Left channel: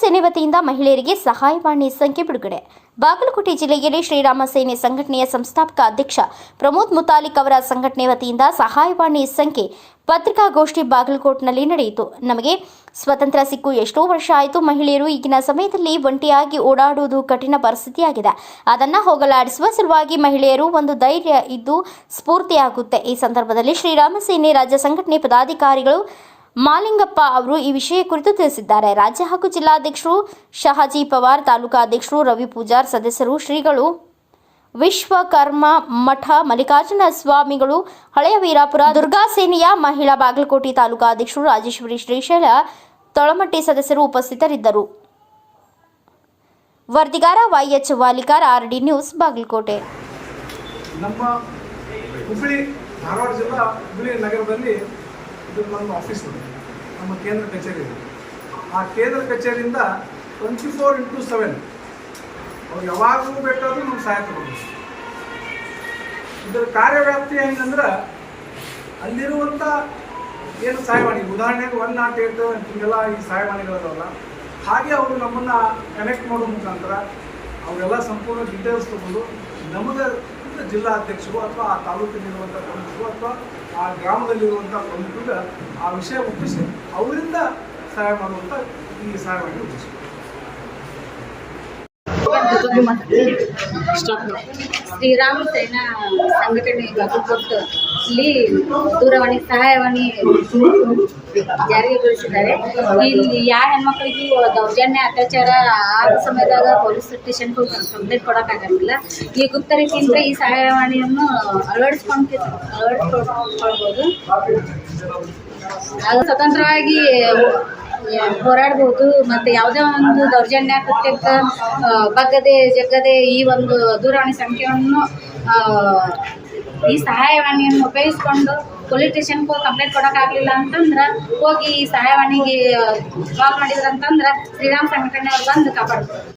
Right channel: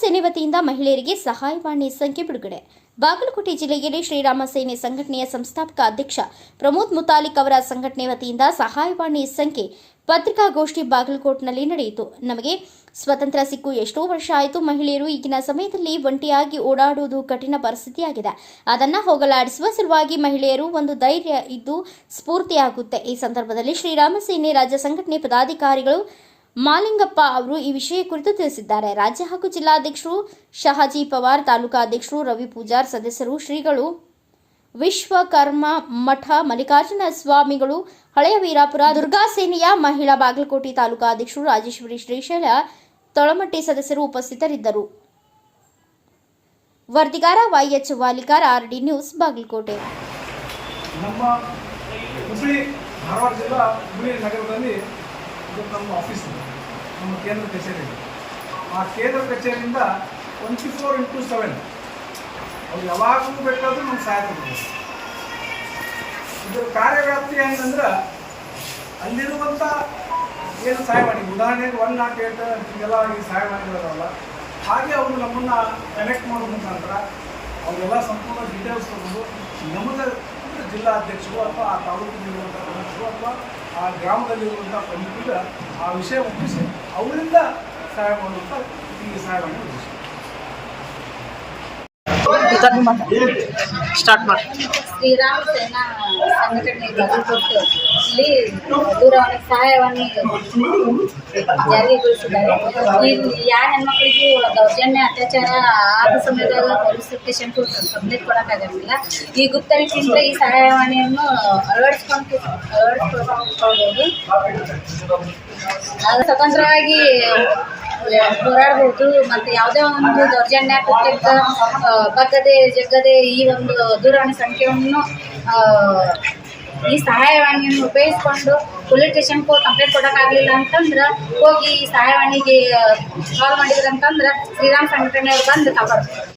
ಸೇನೆ ವತಿಯಿಂದ ಮಹಿಳೆಯರಿಗೆ ಸಹಾಯವಾಣಿ ಸಂಖ್ಯೆ ಬಿಡುಗಡೆ. ಬಾಗಲಕೋಟೆ ಜಿಲ್ಲೆಯಲ್ಲಿ ಶ್ರೀರಾಮ ಸೇನೆ ಸಂಘಟನೆಯ ಸಂಸ್ಥಾಪಕ ಅಧ್ಯಕ್ಷ ಪ್ರಮೋದ್ ಮುತಾಲಿಕ್ ಅವರ ಸಂಘಟನೆ ವತಿಯಿಂದ ಸಹಾಯವಾಣಿ ಸಂಖ್ಯೆ ಪತ್ರಿಕಾಗೋಷ್ಠಿ ಬಾಗಲಕೋಟ್ನಲ್ಲಿ ನಡೆಯಿತು. ನಮಗೆ ಸ್ವತಂತ್ರ ಸಿಕ್ಕು ಎಷ್ಟೋ ವರ್ಷ ಆಯಿತು ಮಹಿಳೆಯರು ಈಗಿನ ಸಮಯದಲ್ಲಿ ಒಂಟಿಯಾಗಿ ಓಡಾಡುವುದು ಕಠಿಣ ಪರಿಸ್ಥಿತಿಯಾಗಿದೆ. ಅದನ್ನು ಹೋಗಲಾಡಿಸುವ ಸಲುವಾಗಿ ಮಹಿಳೆಯರು ಒಂದು ಧೈರ್ಯ ಇದ್ದು ಸ್ಫೂರ್ತಿಯಾಗುತ್ತೆ. ಈ ಸಂದರ್ಭದಲ್ಲಿ ಶ್ರೀರಾಮ ಸೇನೆ ರಾಜ್ಯ ಸಂಘಟನೆ ಪದಾಧಿಕಾರಿಗಳು ಮಾಲಿಂಗಪ್ಪ ಅವರು ಈ ವಿಷಯ ಕುರಿತು ತಿಳಿಸಿದ್ದಾರೆ. ರಾಜ್ಯ ಹಾಗೂ ಜಿಲ್ಲಾಧ್ಯಕ್ಷರು, ಶಹಾಜಿ ಪವಾರ್, ತಾಲೂಕಾ ಅಧ್ಯಕ್ಷರು, ರವಿ ಪೂಜಾರ್ ಸದಸ್ಯರು, ಶ್ರೀಗಳು ವಿಶ್ವಕರ್ಮ ಮಠ, ಮಲ್ಲಿಕಾರ್ಜುನ ಸ್ವಾಮಿಗಳು, ಹಳೆಯ ವೀರಾಪುರ, ದುರ್ಗಾ ಸೇನೆಯ ಮಹಿಳಾ ಬಾಗಲಕೋಟೆ ತಾಲೂಕಾ ಅಧ್ಯಕ್ಷರು, ರಾಜೇಶ್ವರಿ ಶ್ರೀಶೈಲ, ತೊಳಮಟ್ಟಿ ಸದಸ್ಯರು ಉಪಸ್ಥಿತರಿದ್ದರು. ವರದಿಗಾರ YH Walikar, RD news, Bagalkot. ನಮ್ಮ ಹುಬ್ಬಳ್ಳಿ, ಧಾರವಾಡ ಜಿಲ್ಲಾ ಹುಬ್ಬಳ್ಳಿ ನಗರದಲ್ಲಿ ಇದು ನಮ್ಮ ಆಫೀಸ್ ಇದೆ. ನಮ್ಮ ಕೇಂದ್ರ ಕಚೇರಿ ಇದೆ. ಆ ಕೇಂದ್ರ ಕಚೇರಿಯಿಂದ ಟ್ವೆಂಟಿ ಫೋರ್ ಇಂಟು ಸೆವೆನ್ ಅವ್ರು ಯಾವಾಗಲೂ ಬೇಕಾದರೂ ನಮ್ಗೆ ಸಹಾಯ ತಗೋಬೇಕು ಇದರ ಕಾರ್ಯವ್ಯಾಪ್ತಿ ಹೆಂಗಂದ್ರೆ ಅಲ್ಲಿರುವಂಥ ಏನು ಸಹಾಯವಾಣಿ ಉದಾಹರಣೆಗೆ ಒನ್ ನಾಟ್ ಏಟ್ ಹಿಂಗೆಲ್ಲ ಈ ಸಹಾಯವಾಣಿಗಳಿದಾವಲ್ಲ ಹಾಗೆ ಅವರು ನಮ್ಮನ್ನು ಕನೆಕ್ಟ್ ಮಾಡೋ ಮುಖಾಂತರ ಅವರೆಲ್ಲ ಸಂಪೂರ್ಣ ಡೀಟೇಲ್ಸ್ ತಗೊಂಡು ನಮಗೆ ಜಿಲ್ಲಾ ಅಧ್ಯಕ್ಷರು ಅಥವಾ ಆ ತಾಲೂಕಿನಲ್ಲಿರುವಂಥ ಪ್ರಮುಖರು ಅಥವಾ ಆ ಗ್ರಾಮದಲ್ಲಿರುವಂಥ ಪ್ರಮುಖರಿಗೆ ಆ ವಿಷಯ ಮುಟ್ಟಿಸಿ ಅವರಿಂದ ಸಹಾಯ ಮಾಡುವಂಥ ಸಹಾಯ ಮಾಡುವ ಉದ್ದೇಶ ಸ್ಟಾರ್ಟ್ ಮಾಡಿ. ಶ್ರೀರಾಮ ಸೇನಾ ಸಂಘಟನೆ ಬಾಗಲಕೋಟೆ ಇಲ್ಲಿ ದೂರವಾಣಿ ಸಹಾಯವಾಣಿ ಜಾರಿಗೊಳಿಸಿದ್ದಾರೆ. ಇಲ್ಲಿ ಯಾವ ಹೆಣ್ಮಕ್ಳಿಗೂ ದೌರ್ಜನ್ಯ, ಅತ್ಯಾಚಾರ ಆದ ಸಮಯದಾಗ ಪೊಲೀಸ್ ಸ್ಟೇಷನ್ ಕಂಪ್ಲೇಂಟ್ ಕೊಡೋಕ್ಕಾಗಂಗಿಲ್ಲ. ಈ ಗುಪ್ತ ರೀತಿಯಿಂದ ಈ ಸಹಾಯವಾಣಿಯನ್ನು ಅಳವಡಿಸ್ಕೊಂಡು ಅಳವಡಿಸ್ಕೊಳ್ಬೋದು. ಆಗ ಸ್ವತಂತ್ರವಾಗಿ ಹೋರಾಡ್ಬೋದು, ಮತ್ತು ಯಾವುದೇ ಒಂದು ದೌರ್ಜನ್ಯ ಕೃತ್ಯಕ್ಕೆ ಬಗ್ಗದೆ, ಜಗ್ಗದೆ ಈ ಒಂದು ದೂರವಾಣಿ ಸಂಖ್ಯೆಯನ್ನು ಈ ಸಹಾಯವಾಣಿಯನ್ನು ಉಪಯೋಗಿಸ್ಕೊಂಡು ಪೊಲೀಸ್ ಸ್ಟೇಷನ್ಗೆ ಹೋಗಿ ಕಂಪ್ಲೇಂಟ್ ಕೊಡೋಕ್ಕಾಗಲಿಲ್ಲ ಅಂತಂದ್ರೆ, ಹೋಗಿ ಈ ಸಹಾಯವಾಣಿಗೆ ಕಾಲ್ ಮಾಡಿದ್ರಂತಂದ್ರೆ ಶ್ರೀರಾಮ್ ಸಂಘಟನೆಯವ್ರು ಬಂದು ಕಾಪಾಡ್ತಾರೆ.